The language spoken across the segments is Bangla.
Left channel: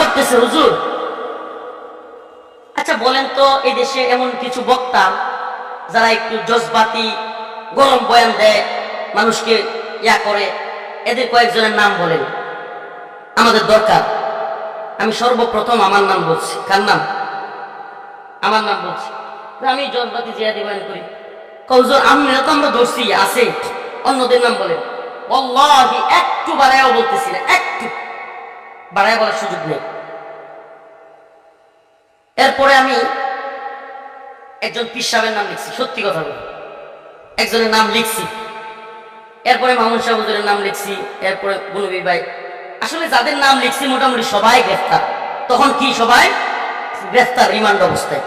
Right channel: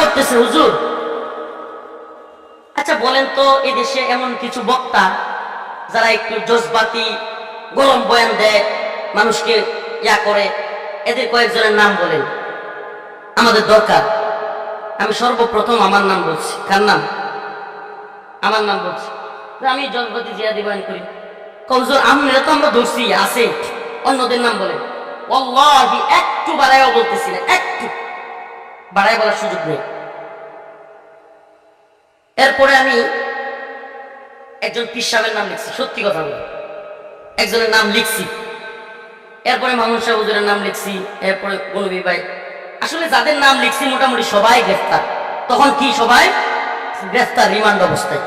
করতেছে হুজুর আচ্ছা বলেন তো এদেশে এমন কিছু বক্তা যারা একটু জজবাতি গরম বয়ান দেয় মানুষকে ইয়া করে এদের কয়েকজনের নাম বলেন আমাদের দরকার আমি সর্বপ্রথম আমার নাম বলছি কার নাম আমার নাম বলছি আমি জজবাতি জিয়াদি বয়ান করি কৌজোর আমরা তো আমরা ধরছি আছে অন্যদের নাম বলেন একটু বাড়াইও বলতেছি না একটু বাড়ায় বলার সুযোগ নেই এরপরে আমি একজন পীর নাম লিখছি সত্যি কথা বলি একজনের নাম লিখছি এরপরে মামুন শাহ হুজুরের নাম লিখছি এরপরে গনবী ভাই আসলে যাদের নাম লিখছি মোটামুটি সবাই গ্রেফতার তখন কি সবাই গ্রেফতার রিমান্ড অবস্থায়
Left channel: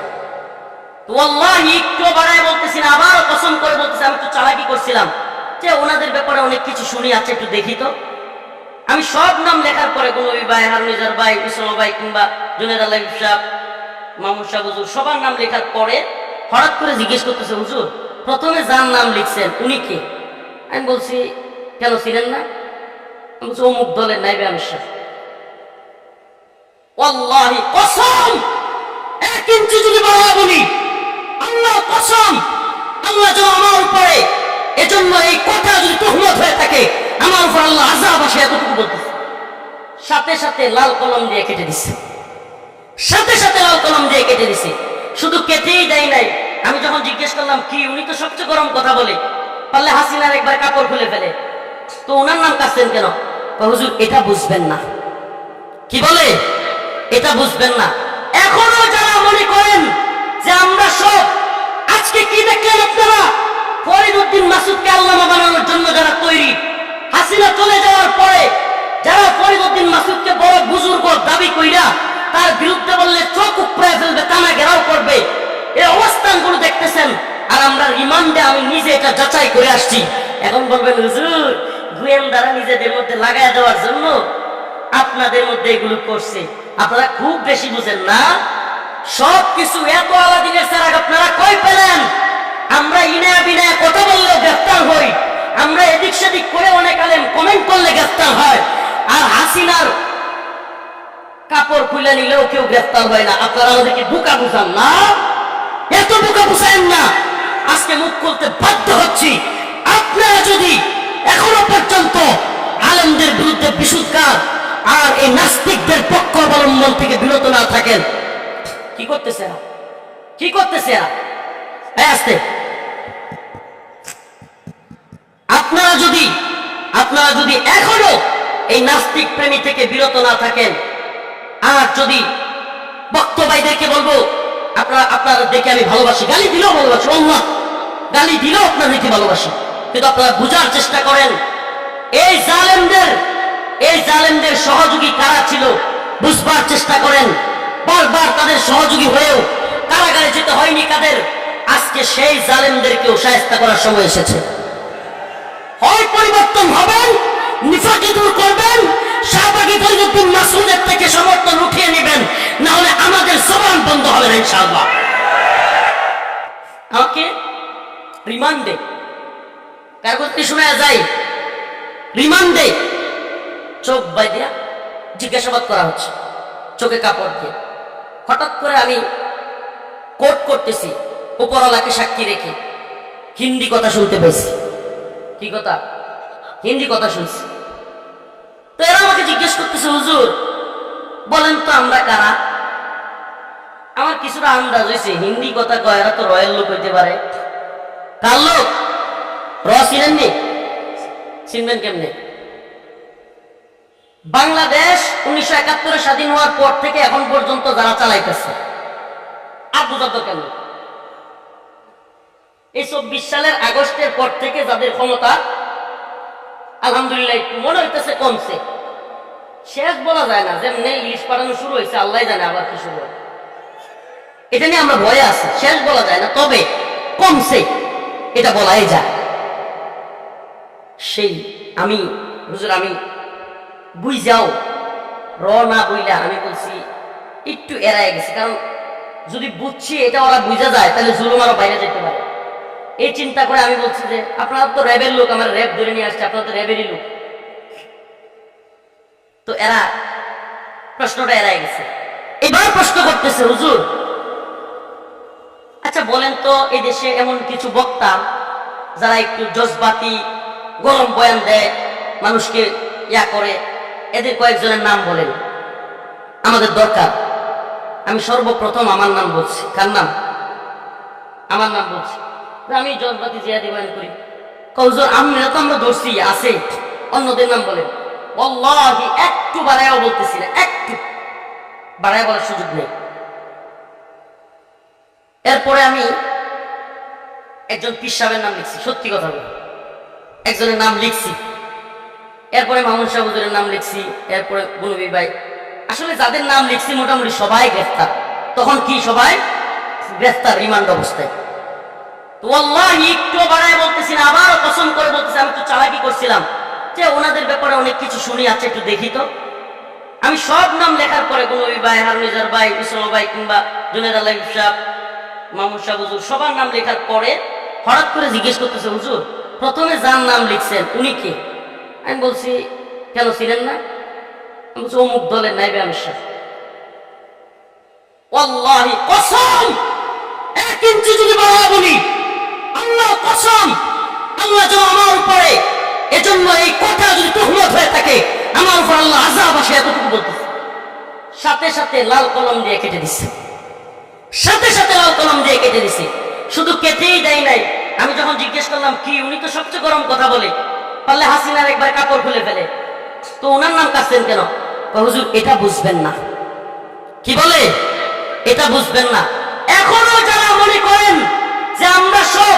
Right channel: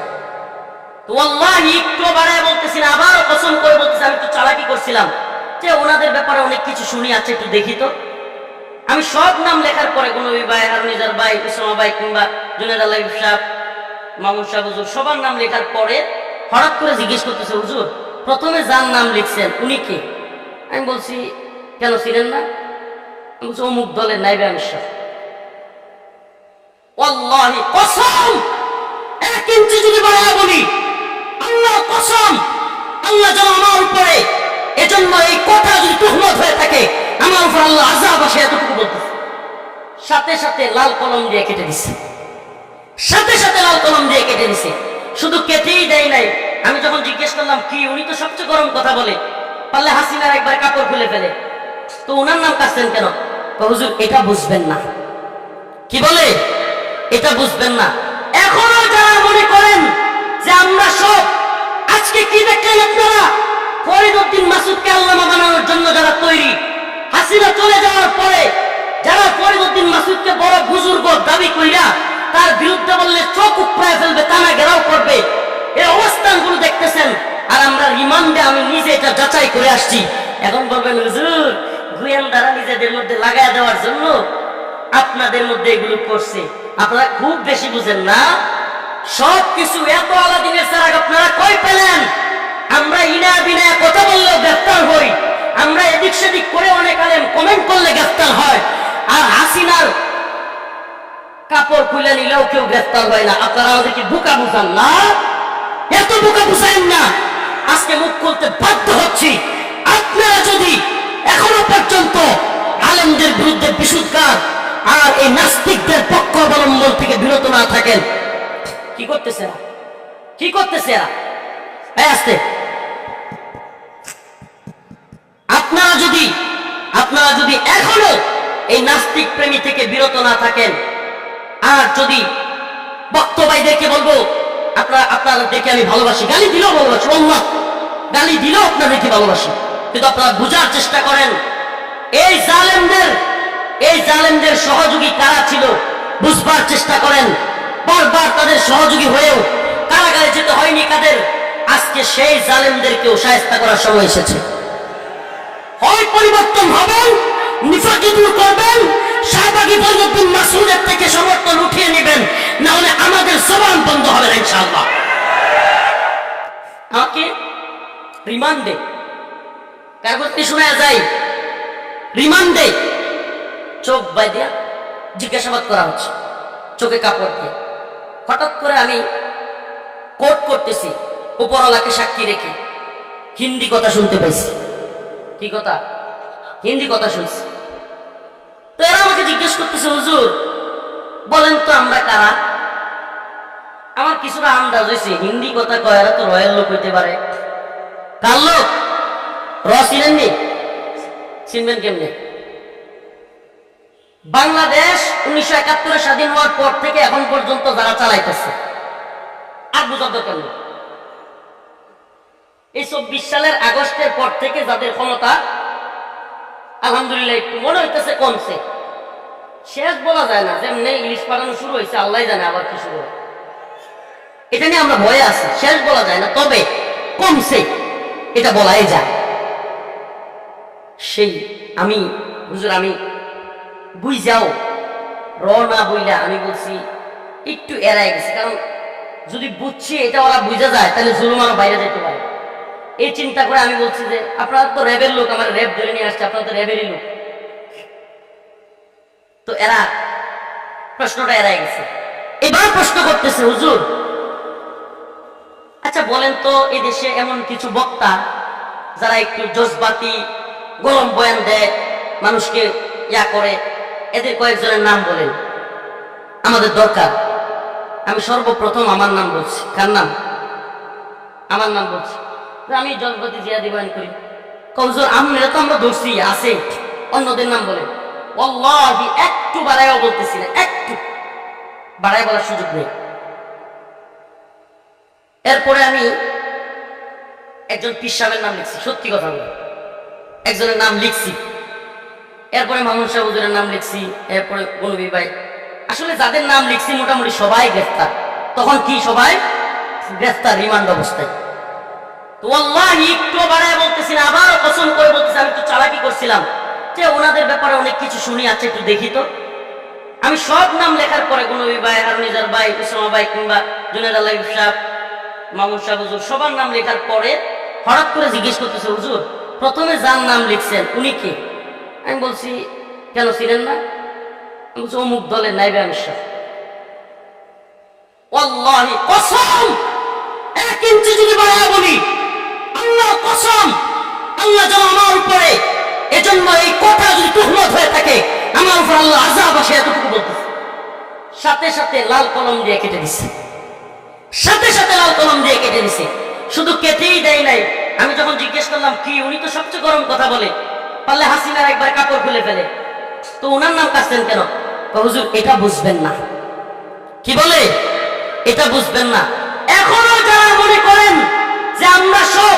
তো আল্লাহি একটু বাড়ায় বলতেছি না আবারও কসম করে বলতেছি আমি একটু চালাকি করছিলাম যে ওনাদের ব্যাপারে অনেক কিছু শুনি আছে আচ্ছা একটু দেখি তো আমি সব নাম লেখার পরে কোনো ভাই হারুনিজার ভাই উসামা ভাই কিংবা জুনেদ আল্লাহ সাহেব মামুন সাহেব হুজুর সবার নাম লেখার পরে হঠাৎ করে জিজ্ঞেস করতেছে হুজুর প্রথমে যার নাম লিখছেন উনি কে আমি বলছি কেন ছিলেন না আমি বলছি অমুক দলের নাইবে আমির সাহেব কসম আল্লাহ কসম যেন আমার উপরে এজন্য এই কথা যদি তহমত হয়ে থাকে আমার উপর আল্লাহ আজাব আসে এতটুকু বলতেছে সাথে সাথে লাল কলম দিয়ে কেটে দিছে সাথে সাথে লাল কলম দিয়ে কেটে দিছে শুধু কেটেই দেয় নাই আমি যখন জিজ্ঞেস করলাম কি উনি তো সবচেয়ে গরম কথা বলে পারলে হাসিনার একবার কাপড় খুলে ফেলে তো ওনার নাম কাছেন কেন হুজুর এটা বুঝবেন না কি বলে এটা বুঝবেন না এখনো যারা মনে করেন যে আমরা সব আজকে কি দেখলেন আপনারা ফরিদ উদ্দিন মাসুদকে আল্লামা বানানোর জন্য যারা তৈরি হাসিনা চলে যাওয়ার পরে যারা ফরিদুদ্দিন মাসুদকে বড় বুজুর্গ দাবি কইরা তার বিরুদ্ধে বললে চোখ উপরে ফেলবে তানা ঘেরাও করবে এই অবস্থানগুলো দেখতেছেন আর আমরা রিমান্ডে আমি নিজে এটা যাচাই করে আসছি এখন বলবেন হুজুর গোয়েন্দারা নিজেদের মধ্যে লাগায় দেওয়ার জন্য আপনাদের মধ্যে এগুলো করছে আপনারা খুব বেশি বুঝেন না সব কিছু এত আলাদিনের সারা আপনারা কয় পেলেন আমরা ইনা বিনা কথা বললেও গ্রেফতার হই আমরা এদিক সেদিক করে অনেক আলেম কমেন্ট করলে গ্রেফতার হয় আর হাসিনার কাপড় খুলে নিলেও কেউ গ্রেফতার হয় না আপনারা আমাদেরকে বুকা বুঝান না এত বুকা বুঝাইন না আজকে মুখ খুলতে বাধ্য হচ্ছি আপনারা যদি এখনো পর্যন্ত আলেমদের বিরুদ্ধে বিশুদ্ধার আর এই নাস্তিকদের পক্ষ অবলম্বন থেকে বিরত না থাকেন কি করতেছে এরা কি করতেছে এরা আস্তে আপনারা যদি আপনারা যদি এখনো এই নাস্তিক প্রেমী থেকে বিরত না থাকেন আর যদি বক্তবাইদেরকে বলবো আপনারা দেখে আমি ভালোবাসি গালি দিলেও ভালোবাসি অল্লাহ গালি দিলেও আপনাদেরকে ভালোবাসি কিন্তু আপনারা বোঝার চেষ্টা করেন এই জালেমদের এই জালেমদের সহযোগী কারা ছিল বুঝবার চেষ্টা করেন বারবার তাদের সহযোগী হয়েও কারাগারে যেতে হয়নি কাদের আজকে সেই জালেমদেরকেও সাহেস্তা করার সময় এসেছে হয় পরিবর্তন হবেন নিফাকি দূর করবেন শাহবাগি ফরিদুদ্দিন মাসুদের থেকে সমর্থন উঠিয়ে নেবেন না হলে আমাদের জবান বন্ধ হবে না ইনশাআল্লাহ আমাকে রিমান্ডে কাগজটি শোনা যায় রিমান্ডে চোখ বাই দিয়া জিজ্ঞাসাবাদ করা হচ্ছে চোখে কাপড় দিয়ে হঠাৎ করে আমি কোর্ট করতেছি উপরওয়ালাকে সাক্ষী রেখে হিন্দি কথা শুনতে পাইছি কি কথা হিন্দি কথা শুনছি তো এরা আমাকে জিজ্ঞেস করতেছে হুজুর বলেন তো আমরা কারা আমার কিছুটা আন্দাজ হয়েছে হিন্দি কথা কয় এরা তো রয়েল লোক হইতে পারে কার লোক র চিনেননি চিনবেন কেমনে বাংলাদেশ উনিশশো একাত্তরে স্বাধীন হওয়ার পর থেকে এখন পর্যন্ত যারা চালাইতেছে আর বুঝার দরকার নেই এই চব্বিশ সালের আগস্টের পর থেকে যাদের ক্ষমতা আলহামদুলিল্লাহ একটু মনে হইতেছে কমছে শেষ বলা যায় না যেমনি ইলিশ পাঠানো শুরু হয়েছে আল্লাহ জানে আবার কি শুরু হয় এটা নিয়ে আমরা ভয়ে আছি শেষ বলা যায় না তবে কমছে এটা বলাই যায় সেই আমি হুজুর আমি বুঝ যাও র না বুঝলা আমি বলছি একটু এড়ায় গেছে কারণ যদি বুঝছি এটা ওরা বুঝা যায় তাহলে জুলুম আরো বাইরে যেতে পারে এই চিন্তা করে আমি বলছি যে আপনারা তো র্যাবের লোক আমার র্যাব ধরে নিয়ে আসছে আপনারা তো র্যাবেরই লোক তো এরা প্রশ্নটা এরাই গেছে এবার প্রশ্ন করতেছে হুজুর আচ্ছা বলেন তো এই দেশে এমন কিছু বক্তা যারা একটু জজবাতি গরম বয়ান দেয় মানুষকে ইয়া করে এদের কয়েকজনের নাম বলেন আমাদের দরকার আমি সর্বপ্রথম আমার নাম বলছি কার নাম আমার নাম বলছি আমি জজবাতি জিয়াদি বয়ান করি কৌজোর আমরা তো আমরা ধরছি আছে অন্যদের নাম বলে অল্লাহি একটু বাড়াইও বলতেছি না একটু বাড়ায় বলার সুযোগ নেই এরপরে আমি একজন পীর নাম লিখছি সত্যি কথা বলি একজনের নাম লিখছি এরপরে মামুন শাহ হুজুরের নাম লিখছি এরপরে গুনবি ভাই আসলে যাদের নাম লিখছি মোটামুটি সবাই গ্রেফতার তখন কি সবাই গ্রেফতার রিমান্ড অবস্থায় তো একটু বাড়ায় বলতেছি না আবারও কসম করে বলতেছি আমি একটু চালাকি করছিলাম যে ওনাদের ব্যাপারে অনেক কিছু শুনি আছে আচ্ছা একটু দেখি তো আমি সব নাম লেখার পরে গুনবী ভাই হারুনিজার ভাই ইসলামা ভাই কিংবা জুনেদ আল্লাহ সাহেব মামুন সাহেব হুজুর সবার নাম লেখার পরে হঠাৎ করে জিজ্ঞেস করতেছে হুজুর প্রথমে যার নাম লিখছেন উনি কে আমি বলছি কেন ছিলেন না আমি বলছি অমুক দলের নাই আমির সাহেব কসম এক ইঞ্চি যদি বাড়া বলি কসম আল্লাহ যেন আমার উপরে এজন্য এই কথা যদি হয়ে থাকে আমার উপর আল্লাহ আজাব আসে এতটুকু বলতেছে সাথে সাথে লাল কলম দিয়ে কেটে দিছে সাথে সাথে লাল কলম দিয়ে কেটে দিছে শুধু কেটেই দেয় নাই আমি যখন জিজ্ঞেস করলাম কি উনি তো সবচেয়ে গরম কথা বলে পারলে হাসিনার একবার কাপড় খুলে ফেলে তো উনার নাম কাছেন কেন হুজুর এটা বুঝবেন না কি বলে এটা বুঝবেন না এখনো যারা মনে করেন যে আমরা সব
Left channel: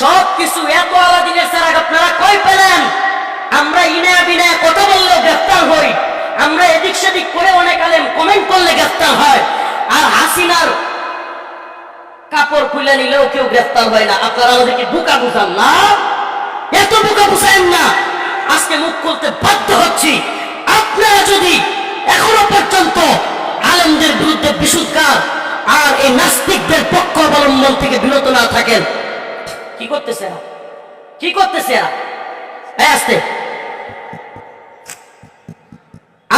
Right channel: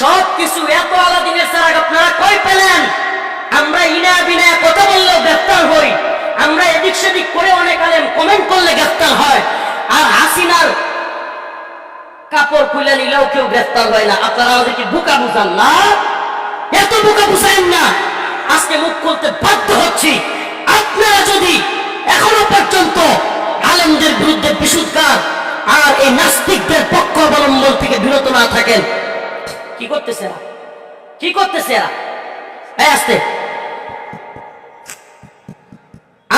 সব কিছু এত আলাদিনের সারাক আপনারা কয় পেলেন আমরা ইনা বিনা কথা বললেও গ্রেফতার হই আমরা এদিক সেদিক করে অনেক আলেম কমেন্ট করলে গ্রেফতার হয় আর হাসিনার কাপড় খুলে নিলেও কেউ গ্রেফতার হয় না আপনারা আমাদেরকে বুকা বুঝান না এত বুকা বুঝাইন না আজকে মুখ খুলতে বাধ্য হচ্ছি আপনারা যদি এখনো পর্যন্ত আলেমদের বিরুদ্ধে বিশুদ্ধার আর এই নাস্তিকদের পক্ষ অবলম্বন থেকে বিরত না থাকেন কি করতেছে এরা কি করতেছে এরা আসতে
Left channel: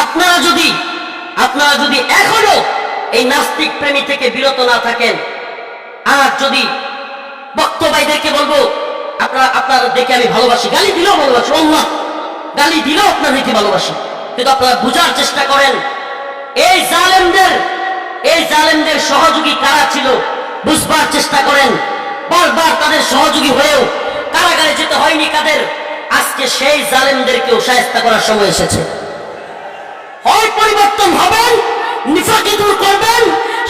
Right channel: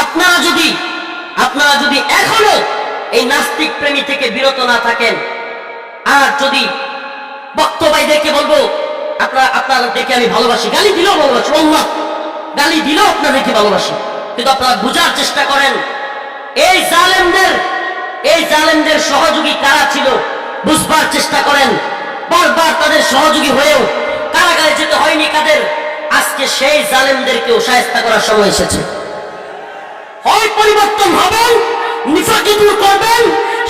আপনারা যদি আপনারা যদি এখনো এই নাস্তিক প্রেমী থেকে বিরত না থাকেন আর যদি বক্তবাইদেরকে বলবো আপনারা আপনারা দেখে আমি ভালোবাসি গালি দিলেও ভালোবাসি অল্লাহ গালি দিলেও আপনাদেরকে ভালোবাসি কিন্তু আপনারা বোঝার চেষ্টা করেন এই জালেমদের এই জালেমদের সহযোগী কারা ছিল বুঝবার চেষ্টা করেন বারবার তাদের সহযোগী হয়েও কারাগারে যেতে হয়নি কাদের আজকে সেই জালেমদেরকেও সায়স্তা করার সময় এসেছে হয় পরিবর্তন হবেন নিফাকি দূর করবেন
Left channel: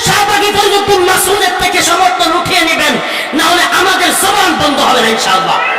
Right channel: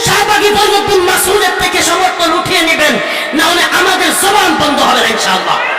শাহবাগী ফরিদুদ্দিন মাসুদের থেকে সমর্থন উঠিয়ে নেবেন না হলে আমাদের জবান বন্ধ হবে না ইনশাআল্লাহ